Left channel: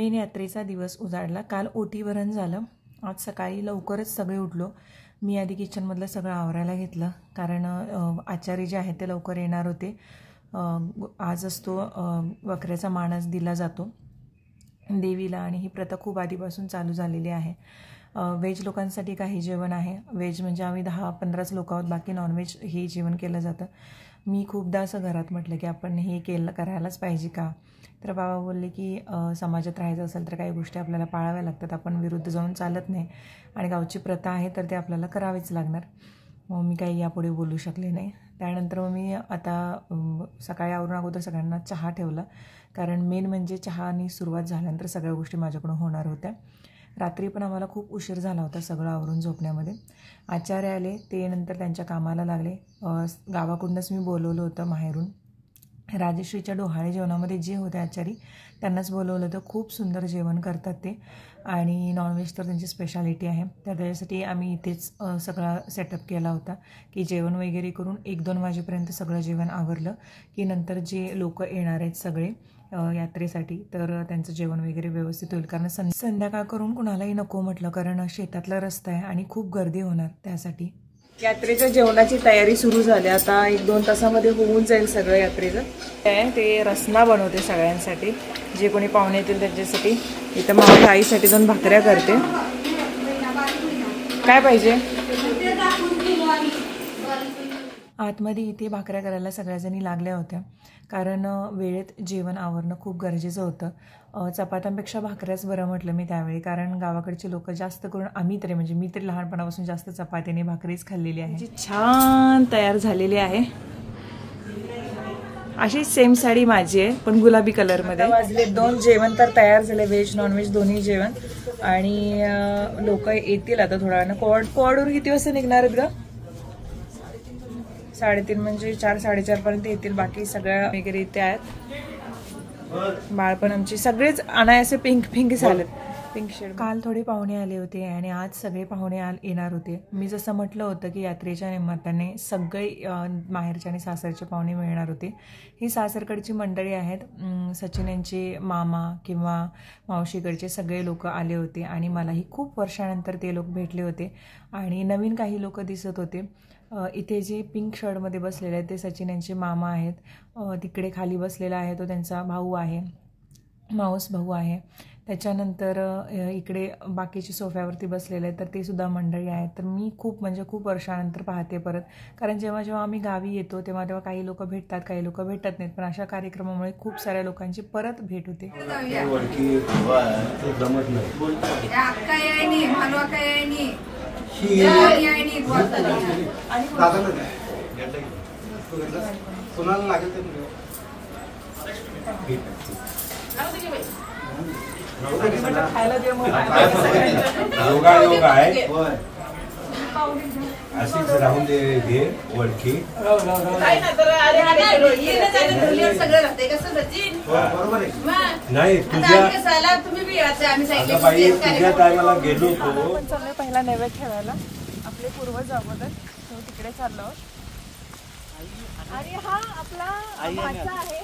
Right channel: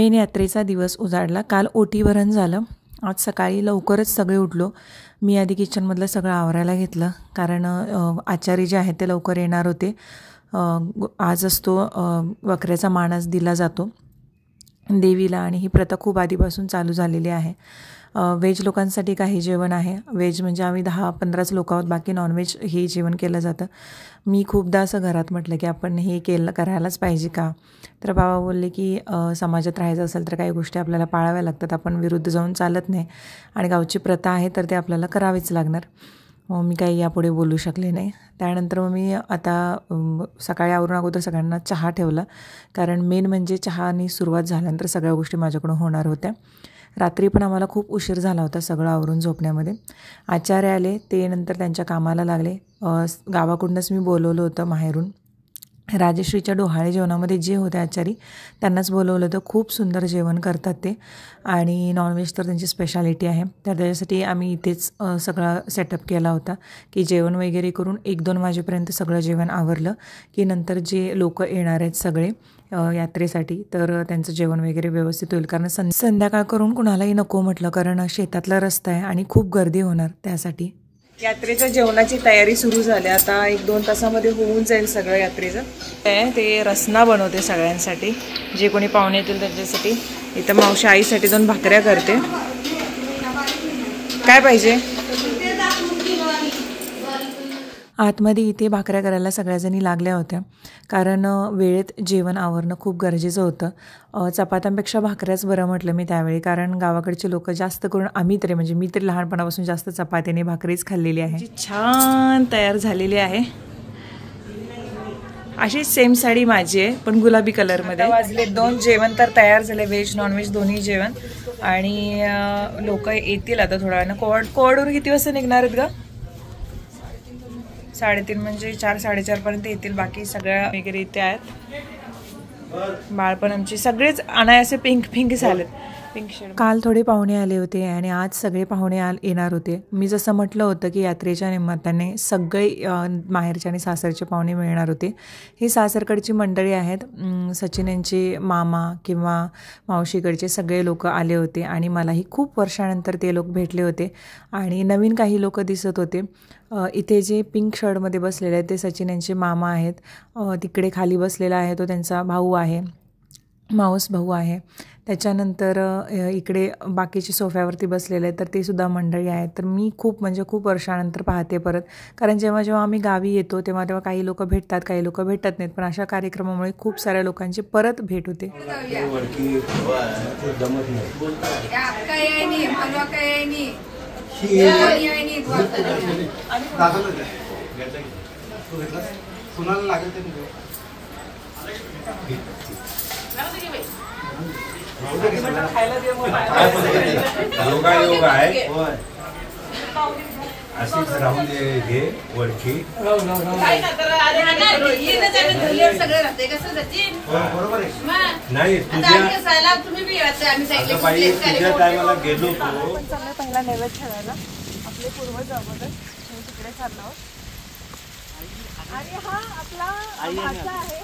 Main यात्रेचा दिवस उजाडला। काल ओटी भरण झालं। आज सकाळी लवकरच सगळे उठलो। मी आधी किचनमधलं सगळं आवरायला घेतलं, कारण आचारी जे आहेत ते लवकर येणार होते। आज असतो वकऱ्याचा मान आज दिला जातो देवीला, आणि ही प्रथा खूप आधीपासून चालू झालेली आहे। व्हेज लोकांसाठी काही जेवण आहे। व्हेज म्हणजे आम्ही 10-15च लोक आहोत, बाकी नॉनव्हेज हे जेवण केलं जातं। मी खूपदा असं घरात म्हटलं की आपण हे करायलाच पाहिजे का? तर बाबा बोलले की समाजात राहायचं असेल तर काही गोष्टी आपल्याला पाळाव्या लागतात, आपण विरुद्ध जाऊन चालत नाही, आणि गावची प्रथा आहे तर ते आपल्याला करावीच लागणार। मी काही यापुढे बोलू शकले नाही। त्यानंतर मग मी आता सकाळी आवरून अगोदर सगळ्यांना चहा ठेवला, कारण मेन म्हणजे चहानी सुरुवात झाल्यानंतर सगळ्या गोष्टी माझ्याकडून होणार होत्या। रात्री पण आम्हाला खूप उशीर झाला होता सगळं आवरून झोपण्यामध्ये। आचार्य आले, ते नंतर त्यांच्या कामाला लागले। गावाकडूनच मी बोलवलं होतं माहेरून। राजश्रीच्या डोहाळे जेवणामध्ये जे होते आचारी त्यांनाच बोलवलं होतं। खूप सुंदर जेवण करतात ते, आणि नॉनव्हेज तर त्यांची स्पेशालिटी आहे। तर त्याच्यासाठी आम्ही इथेच सगळा सेटअप केला होता की जेवण वगैरे करून 1-2 वाजेपर्यंत सगळं जेवण आवरलं की नंतर जे लोक येणार आहेत सगळे यात्रेसाठी, तर त्यांचं जेवण वगैरे व्यवस्थित होईल, कारण संध्याकाळ करून कुणालाही नको म्हटलं, कारण शेतातला रस्ता आहे आणि खूप गर्दी होणार त्यासाठी। यात्रेच्या जेवणाची तयारी सुरू झाली। आता 1-2 तासामध्ये होऊन जाईल सगळं यात्रेचं। ते रसना बनवते सगळ्यांसाठी, जे कोणी पाहुणे येतील त्यांच्यासाठी। इथं मावशी आईसाठी 2 भाकऱ्या करते। काय पाहिजे? आतमध्ये इथे भाकऱ्या करायला सगळ्याजणी लागल्या होत्या, कारण वेळेत जेवण आवरणं खूप गरजेचं होतं। चपात्यांपेक्षा भाकऱ्याच बरं म्हटलं मी त्यावेळी, कारण गावाकडचे लोक जास्त करून, आम्ही तरी म्हणजे मी तरी लहानपणापासून जास्त चपात्याने भाकरीच खाल्लेली आहे। जी छान तयार झालेली आहे। अशी सेम साडी माझी आहे, पण गुलाबी कलरमध्ये। वाजले 2, जेवण तर तयार झाले, व्हेज नॉनव्हेज दोन्ही जेवण। आणि लोक येतील आता थोड्या वेळानं। कोवाडून किती वाजता निघणार आहेत ग? 3:30 म्हणजे 4-4:30 पर्यंत येतील। बाकी सगळ्या वगैरे इथे आहेत। बाळपण आमची सगळेच अनायासे पिंक झालेत, पिंक शेड। काल थोडे पाहुणे आले होते आणि आज सगळे पाहुणे येणार होते। मी जसं म्हटलं होतं की यात्रेच्या निमित्ताने सगळे माहेरचे आणि सासरचे पाहुणे मिळणार होते। ही सासरकडची मंडळी आहेत। सचिन यांचे मामा किंवा मावशीकडचे सगळे लोक आले होते, आणि मलाही खूप वर्षानंतर ते लोक भेटले होते, आणि नवीन काही लोक दिसत होते। इथे जे पिंक शर्टमध्ये बसलेले आहेत ते सचिन यांचे मामा आहेत। तिकडे खाली बसलेला आहे तो त्यांचा भाऊ आहे, मावस भाऊ आहे। त्याच्यानंतर इकडे बाकीचे सोफ्यावरती बसलेले आहेत, तर ते सुद्धा मंडळी आहेत। तर मी खूप म्हणजे खूप वर्षानंतर पाहते परत, कारण जेव्हा आम्ही गावी येतो तेव्हा काही लोक भेटतात, काही लोक भेटत नाहीत, पण अशा कार्यक्रमामुळे खूप साऱ्या लोकांची परत भेट होते। योगा आहे अशीच राहून दे हे वळखी नाही तुझ्या टायमाला गेलो होतो। पहिला नैवेद्य ठेवायला आपले पूर्वज अगोदर तिकडे चाललो, आणि हा आपला भाचा आहे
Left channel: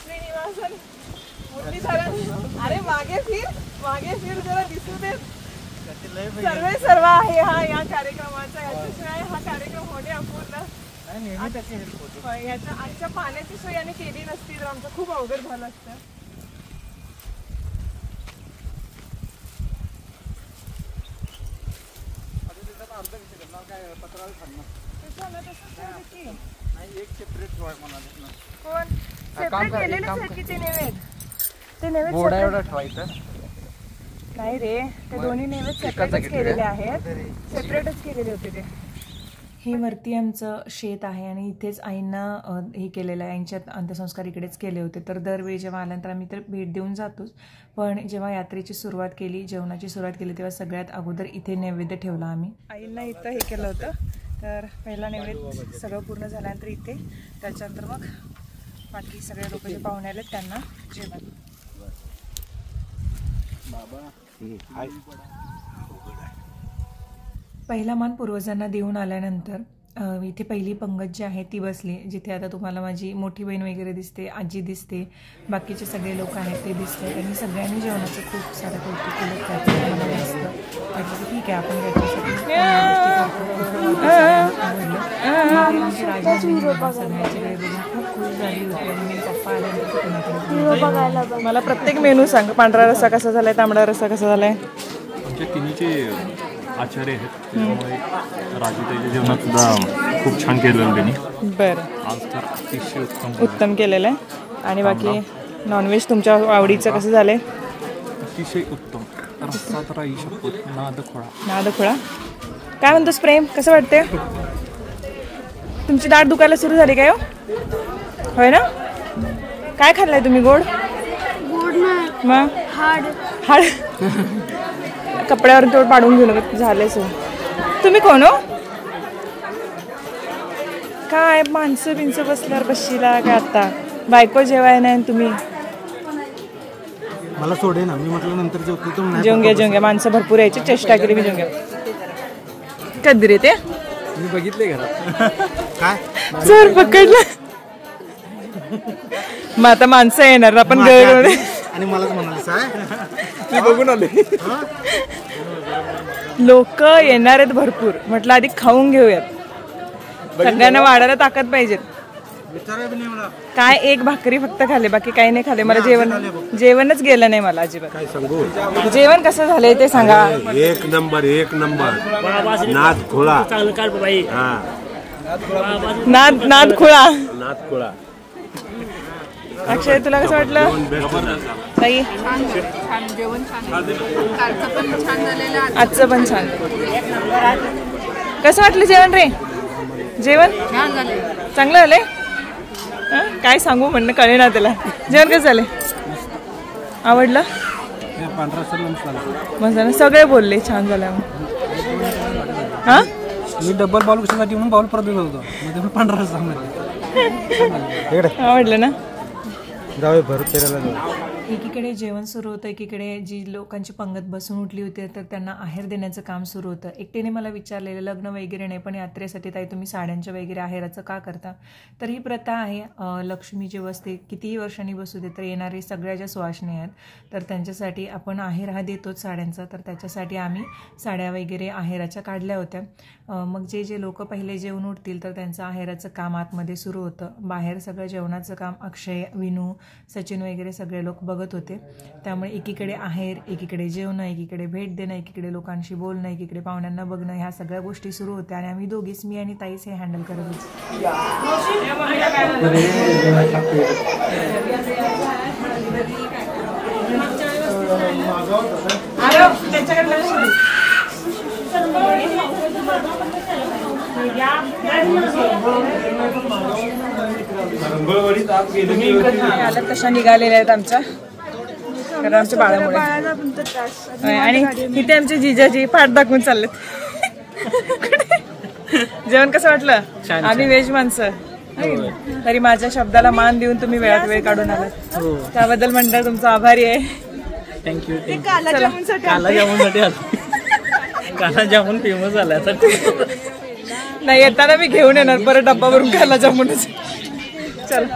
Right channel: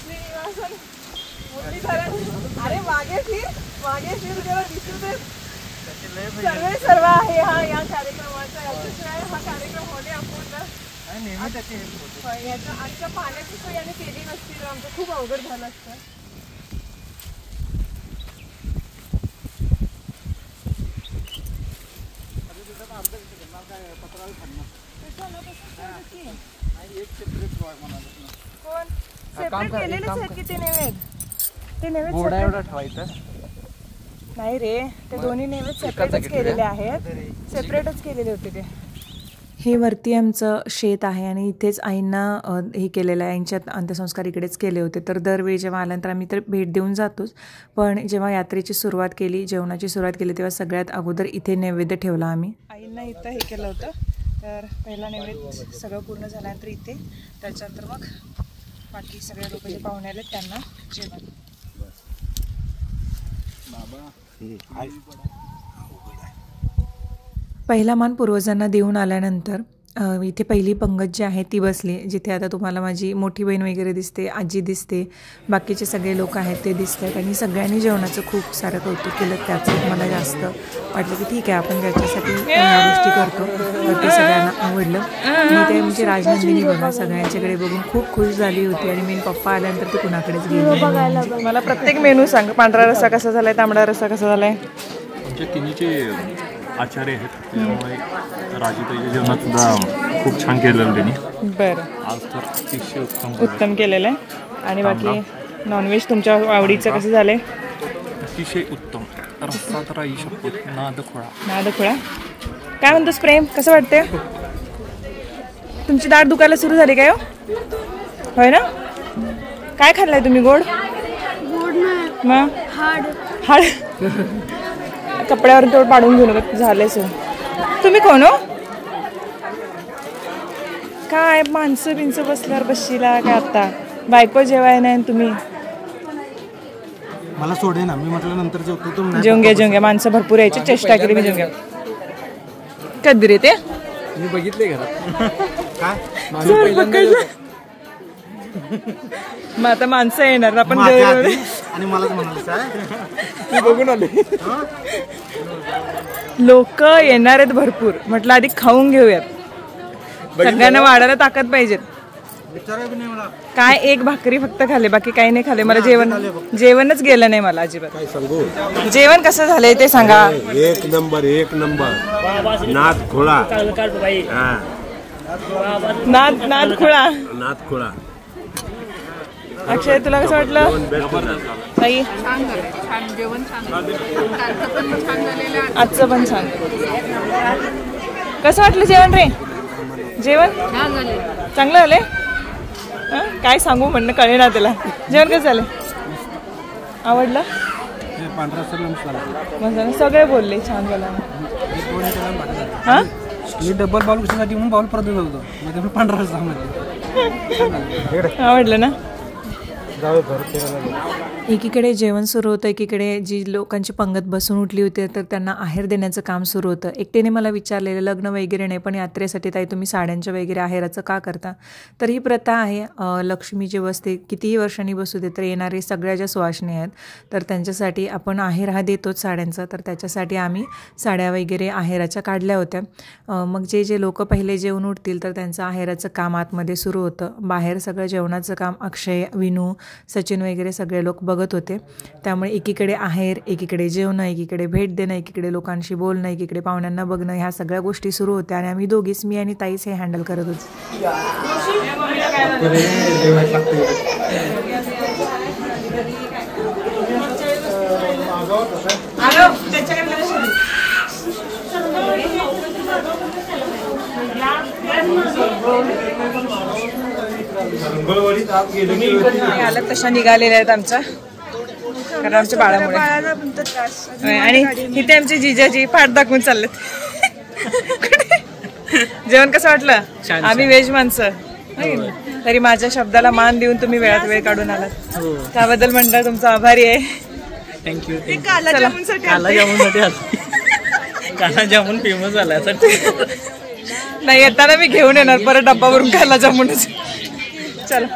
श्रीनिवासन मोठी धरण। अरे मागे फिर जरा दिसू दे। सर्व आहे हा या कार्यक्रमाचा। याच्याशिवाय हा कार्यक्रम होणे अपूर्ण। याच्या आजच्या पाण्याची सोय यांनी केली नसती तर आमचं खूप अवघड झालं असतं। नाही रे, ते दोन्ही नैवेद्य सेपरेटच केलेले आहेत, सेपरेटच केलेले होते ते। हे वरती आमचं शेत आहे, आणि इथेच आईंना हे केलेलं आहे, आईंच्यात अंत्यसंस्कार इकडेच केले होते। तर दरवेळी जेव्हा आल्यानंतर आम्ही तर भेट देऊन जातोच, पण जेव्हा यात्रेची सुरुवात केली, जेवणाची सुरुवात केली, तेव्हा सगळ्यात अगोदर इथे नैवेद्य ठेवला आम्ही। आईंना इथं हे केलं होतं, तर पहिला नैवेद्य सगळं पूर्ण झाल्यानंतर इथे, त्याच्यानंतर मग बाकी सगळे लोक जे पाहुणे आले त्यांना जेवण। पहिला मान पूर्वजांना देऊन आल्यानंतर इथे पहिली पंगत जी आहे ती बसली, जिथे आता तुम्हाला माझी मोठी बहीण वगैरे दिसते, आजी दिसते, बाकीचे सगळे लोक आहेत ते दिसत आहेत. आणि सगळ्यांनी जेवणाचं खूप सारं कौतुक केलं. त्याचं मला जास्त वाटलं की ठीक आहे, आपण ज्याच्यासाठी या गोष्टी करतो ते सगळ्यांना आवडलं. मी ते म्हणजे राजनंदिनी बघा सगळ्यांच्याकडे बघून खूप खुश झाली होती. आणि मी पप्पा आल्यानंतर ते कुणाकडेच गेली. मला प्रत्येक मेनू सांग. पांढरा रस्सा कसा झालाय, तांबडा रस्सा कसा झालाय? आमच्या तिन्हीचे आचार्य आहेत, त्यामुळे राजूताईच्या जेवणात सुद्धा खूप छान केलेलं त्यांनी. बरं, आज तर अतिशय उत्तम केलेलं आहे. आणि बाकी नॉनव्हेज तुमच्या आवडीचं कसं झालंय? अतिशय उत्तम. रस्सा तर आई शपथ नादखोळा. काय म्हणतोस प्रेम, कसं वाटते? तुमची दाढ दुखायला सुरू झाली काय? होय ना? काय खाल्लंय तुम्ही? गोड मग हाड कपड्यावर तेवढं पाडून घेऊ नका, झालंच. तुम्ही कोण हो? काय माणसं बिनसं बसल्यावर बसशीला काय? आता बायको जेवाय नाही तुम्ही? मला सोडे ना, मी म्हटलं नंतर जेवतो. जेवून घ्या. माणसं भरपूर यायची, चेष्टा केली मी. जेवून घ्या. कधी रे ते? मी बघितले घरात. काय चोर पकडलं. मग आता माणसं येणार आपण आणि मलाच म्हणाले बघून आले. लोक येणार आहेत भरपूर. म्हटलं आधी खाऊन घेऊयात, सगळ्यांना वाढायला ताकद पाहिजे. काय एक भाकरी फक्त खाल्ली, बाकी काही नाही खाल्ले. मला जेवणच गेलं नाही मला अजिबात. काय सांगू? जेवण कसं झालंय ते सांगा. एक नंबर नाद खोळा. नाद खुळा. अक्षय, तुला कसं वाटलं? ताई, आजचं पण छान. कसं वाटलं जेवण रे? जेवण चांगलं झालंय. काय सांगू म्हणणं कळे ना त्याला. जेवण कसं झालंय? आवडलं? मस्त. सगळे बोलले छान झालं. हा, मी डबल बाउल कशासाठी म्हणून बाउल परत होतो, मग पांढरा रस्सा आवडलं ना? फिरायला. एकीकडे जेवण सुरू होतं, एकीकडे जी लोकांची पंगत बसून उठली होती तर त्यांना आहेर देण्याचं काम सुरू होतं. एकट्याने मला विचारलेलं, लग्न वगैरे नाही पण यात्रेसाठी ताई तुम्ही साड्यांच्या वगैरे आहेराचं का करता? तर ही प्रथा आहे. लक्ष्मी जे बसते कितीही वर्षांनी बसू दे तर येणारे सगळ्या ज्या सुवासिनी आहेत तर त्यांच्यासाठी आपण आहेर हा देतोच साड्यांचा. तर त्याच्यासाठी आम्ही साड्या वगैरे आहेराच्या काढल्या होत्या. मग जे लोक पहिले जेवून उठतील तर त्यांचं आहेराचं काम आतमध्ये सुरू होतं. बाहेर सगळं जेवणाचं काम अक्षय, विनू, सचिन वगैरे सगळे लोक बघत होते. त्यामुळे एकीकडे आहेर, एकीकडे जेवणं, एकीकडे भेट देणं, एकीकडे लोकांशी बोलणं, एकीकडे पाहुण्यांना बघणं, ह्या सगळ्या गोष्टी सुरू होत्या. आणि आम्ही दोघीच, मी आणि ताईच हे हँडल करत होतो. आलं तशा निघालेल्या आहेत आमच्या, कारण आमच्या बाळामुळे. आणि इथे आमचे जिजाजी पाठ दाखवून चाललेत. जेवण कसं वाटलं? आम्ही व्हेज माणसं, तरी माझ्या शब्दाला मान देऊन तुम्ही वेळात वेळ काढून आलात, त्याबद्दल म्हणतात तुमचा आभारी आहे. थँक्यू. काला जामून फेमस झाला. नाही, येताना मी घेऊन येणार परत डब्बावरून काला जामुनच. चला.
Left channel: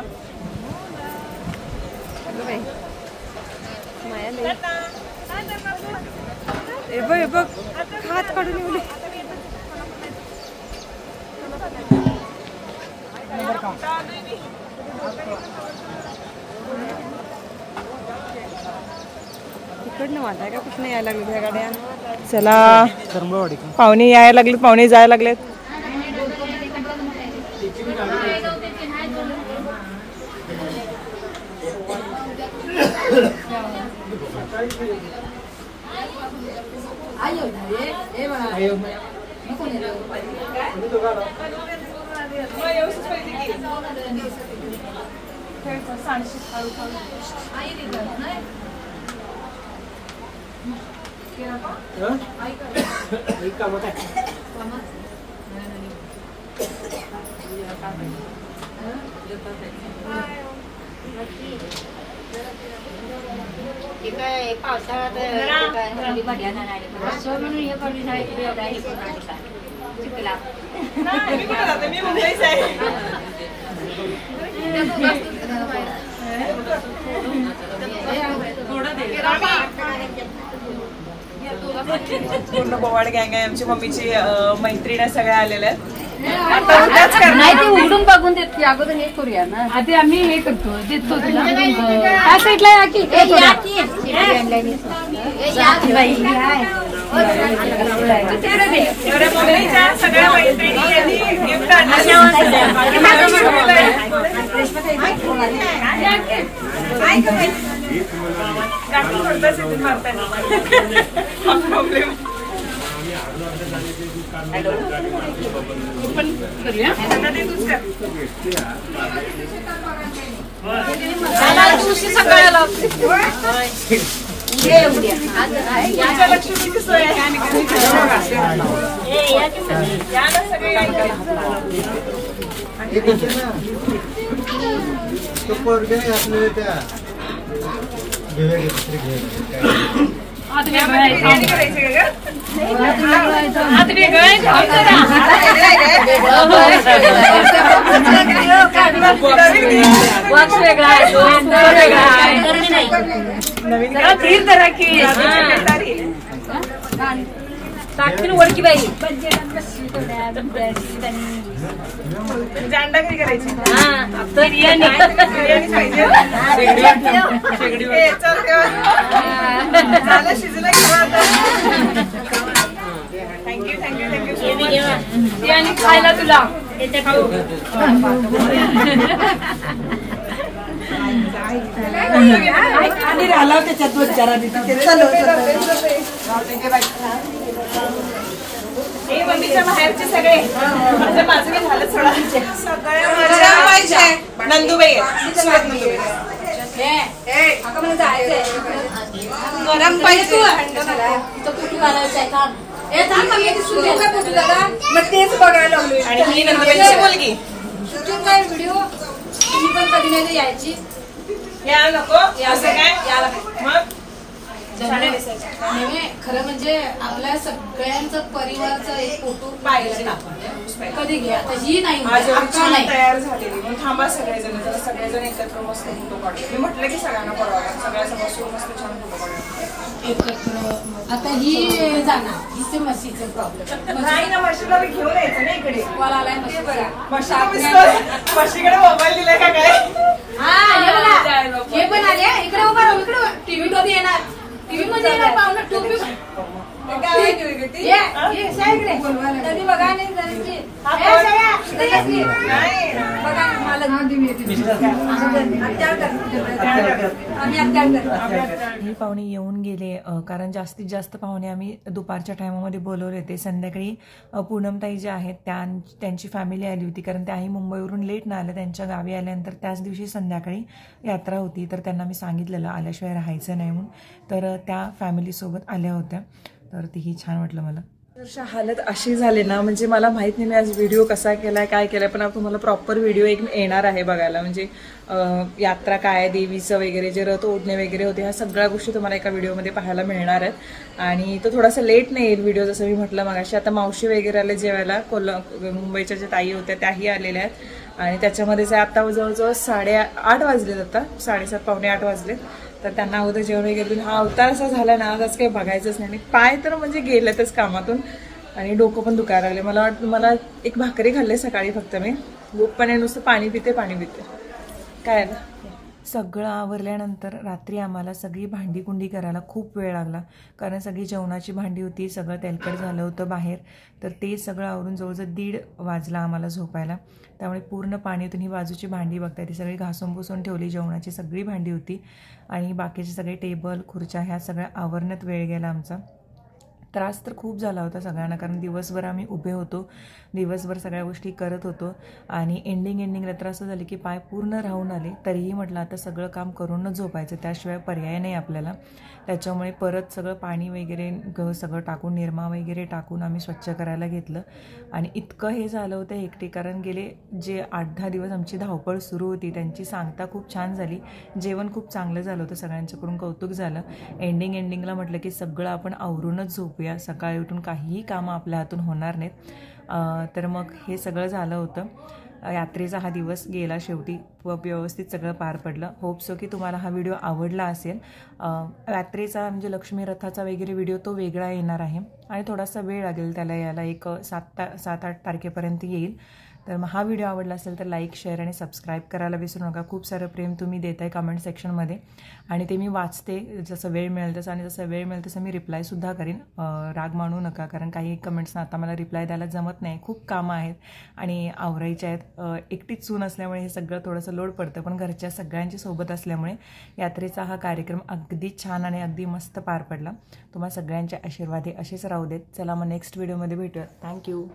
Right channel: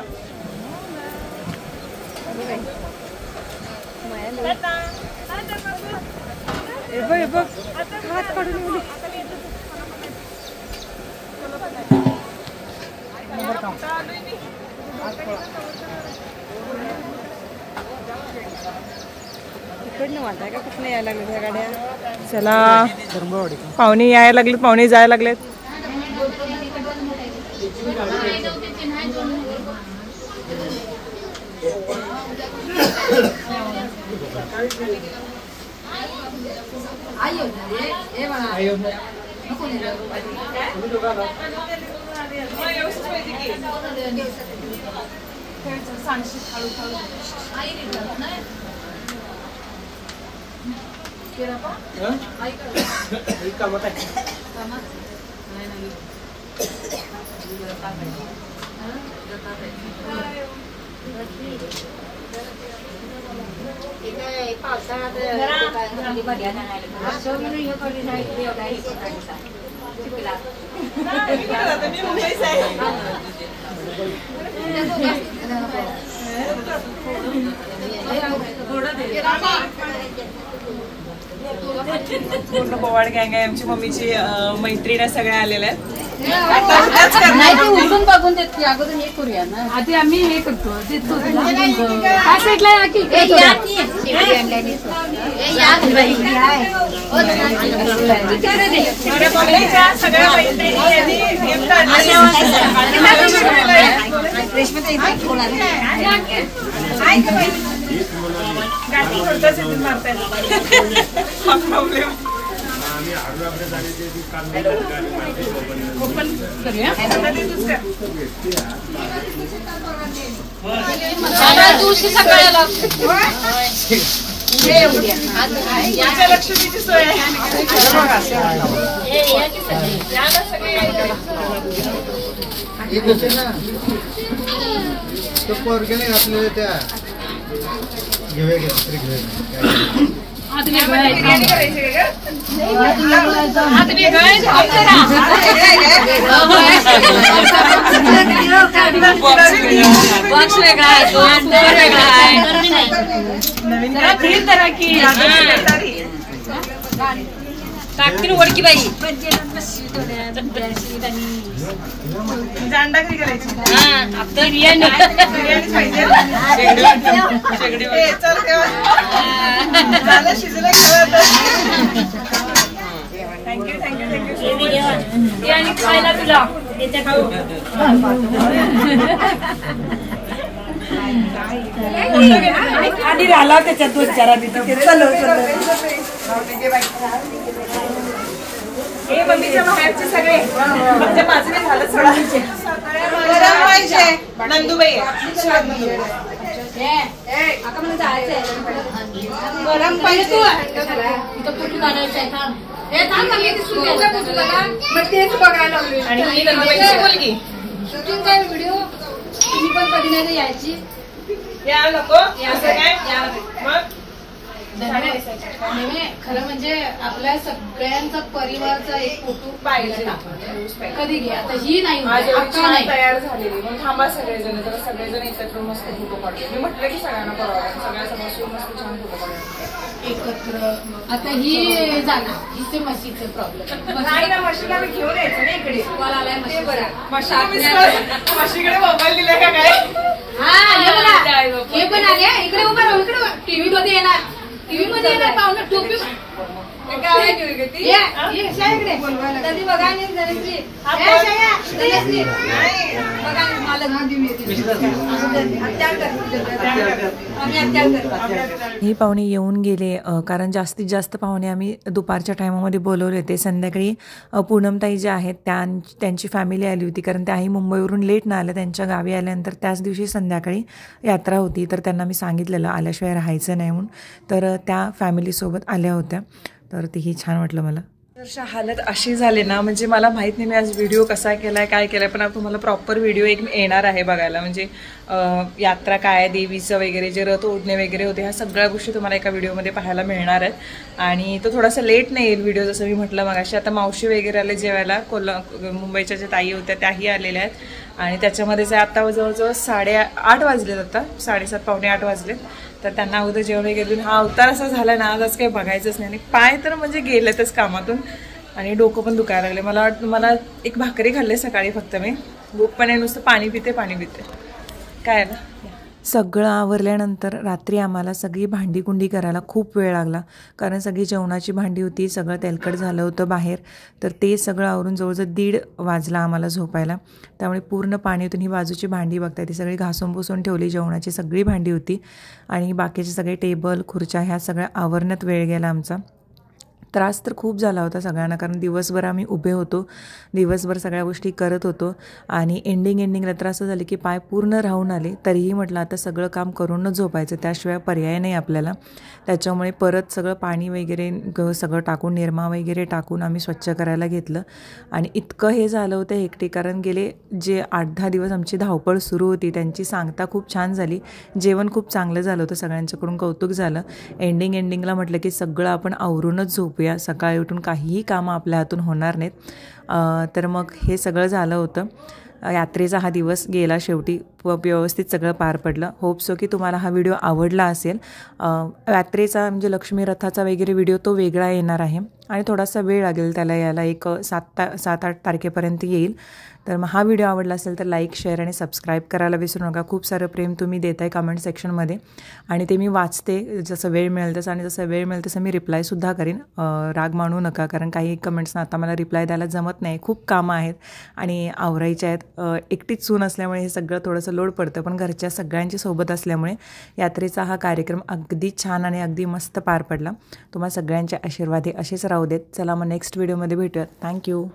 चला, पाहुणे यायला लागले, पाहुणे जायला लागलेत. पूर्ण बोवाड गँग आहे आमची मम्मीची मैत्रिणी सगळं आलेलं आहे. नाही ते उघडून बघून देत की अगोदर हे करूया ना आधी आम्ही हे करतो देतो काय साईडला या की दिवशी सगळ्याला लक्ष्मीची सोय बॉक्स वेगळा आहे नवीन टाकतील ओळखी बाई अंडा कधी करायची बिर्याणी शिजला थँक्यू थँक्यू थँक्यू बिर्याणी खायला तुला आधी राहिला त्याच्यात दोन चार मम्मीच्या बाहेरचे सगळे माझं काय झालं थोडा नंदुबाई गरम पाहिजे फोटो काढायचा तेच बघायला मुलगी शूटिंग व्हिडिओ तुम्ही पण कधी नाही यायची या नको असं काय खरं म्हणजे आपल्या सगळ्यांचा परिवाराचा एक फोटो पाहिजे आपण कधी घ्या आता ही नाही तयार झालेली मग थांबा सगळेजण जरा सगळेजण एकत्र मस्त फोटो काढतो मी म्हटलं की सगळ्यांना पडवा सगळ्या मस्त छान फोटो काढतो एकत्र आता ही जाणार हिचे म्हशीचे प्रॉब्लेम नाही ना म्हशीला घेऊन यायचं ना इकडे आलाय म्हशीकडे मोबाईल दिलाय का काय हे पण आले इकडे उभं राहू इकडे टीव्ही मध्ये येणार टीव्ही मध्ये येणार पाहुणं टोपी ही पाहुणे येऊन गेले कारण जास्तीत जास्त पाहुणे आम्ही दुपारच्या टायमामध्ये बोलवले होते. संध्याकाळी पूनमताई ज्या आहेत त्यांची फॅमिली आली होती कारण त्याही मुंबईवरून लेट न आल्या. त्यांच्या गावी आल्यानंतर त्याच दिवशी संध्याकाळी यात्रा होती तर त्यांना मी सांगितलेलं आल्याशिवाय राहायचं नाही म्हणून. तर त्या फॅमिलीसोबत आल्या होत्या तर तेही छान वाटलं मला. हालत अशी झाली ना म्हणजे मला माहीत नाही मी आज व्हिडिओ कसा केलाय काय केलाय पण तुम्हाला प्रॉपर व्हिडिओ एक येणार आहे बघायला. म्हणजे यात्रा काय देवीचं वगैरे जे रथ ओढणे वगैरे होते ह्या सगळ्या गोष्टी तुम्हाला एका व्हिडिओमध्ये पाहायला मिळणार आहेत. आणि तो थोडासा लेट नाही येईल व्हिडिओ जसं मी म्हटलं मगाशी. आता मावशी वगैरे आले जेवायला मुंबईच्या ज्या ताई होत्या त्याही आलेल्या आहेत आणि त्याच्यामध्येच आता जवळजवळ 8:30 वाजलेत. आता 7:30 पावणे 8 वाजलेत. तर त्यांना अगोदर जेवण वगैरे देऊन हा अवतार असा झाला ना आज काही बघायचंच नाही. आणि पाय तर म्हणजे गेलेतच कामातून आणि डोकं पण दुखायला लागले. मला वाटतं मला एक भाकरी खाल्ले सकाळी फक्त मी. भूक पण आहे नुसतं पाणी पिते काय आलं. सगळं आवरल्यानंतर रात्री आम्हाला सगळी भांडीकुंडी करायला खूप वेळ लागला कारण सगळी जेवणाची भांडी होती. सगळं तेलकट झालं होतं बाहेर तर ते सगळं आवरून जवळजवळ 1:30 वाजला आम्हाला झोपायला. त्यामुळे पूर्ण पाण्यातून ही बाजूची भांडी बघताय ती सगळी घासून पुसून ठेवली. जेवणाची सगळी भांडी होती आणि बाकीचे सगळे टेबल खुर्च्या ह्या सगळ्या आवरण्यात वेळ गेला आमचा. त्रास तर खूप झाला होता सगळ्यांना कारण दिवसभर आम्ही उभे होतो. दिवसभर सगळ्या गोष्टी करत होतो आणि एंडिंगला तर असं झालं की पाय पूर्ण राहून आले. तरीही म्हटलं आता सगळं काम करूनच झोपायचं त्याशिवाय पर्याय नाही आपल्याला. त्याच्यामुळे परत सगळं पाणी वगैरे सगळं टाकून निरमा वगैरे टाकून आम्ही स्वच्छ करायला घेतलं. आणि इतकं हे झालं होतं हेक्टिक कारण गेले जे 8-10 दिवस आमची धावपळ सुरू होती त्यांची सांगता खूप छान झाली. जेवण खूप चांगलं झालं होतं सगळ्यांच्याकडून कौतुक झालं. एंडिंगला म्हटलं की सगळं आपण आवरूनच झोपूया करूया, सकाळी उठून काहीही कामं आपल्या हातून होणार नाहीत. तर मग हे सगळं झालं होतं. यात्रेचा हा दिवस गेला शेवटी व्यवस्थित सगळं पार पडलं. होप सो की तुम्हाला हा व्हिडिओ आवडला असेल. यात्रेचा म्हणजे लक्ष्मी रथाचा वगैरे व्हिडिओ तो वेगळा येणार आहे आणि थोडासा वेळ लागेल त्याला यायला, एक 7-8 तारखेपर्यंत येईल. तर मग हा व्हिडिओ आवडला असेल तर लाईक, शेअर आणि सबस्क्राईब करायला विसरू नका. खूप सारं प्रेम तुम्ही देताय कमेंट सेक्शनमध्ये आणि ते मी वाचते जसं वेळ मिळेल तसं, आणि जसं वेळ मिळेल तसं मी रिप्लायसुद्धा करीन. राग मानू नका, कारण काही कमेंट्सना आता मला रिप्लाय द्यायला जमत नाही. खूप कामं आहेत आणि आवरायचे आहेत. एकटीच सून असल्यामुळे हे सगळं थोडंसं लोड पडतं, पण घरच्या सगळ्यांची सोबत असल्यामुळे यात्रेचा हा कार्यक्रम अगदी छान आणि अगदी मस्त पार पडला. तुम्हाला सगळ्यांचे आशीर्वाद हे असेच राहू देत. चला मग नेक्स्ट व्हिडिओमध्ये भेटूयात. थँक्यू.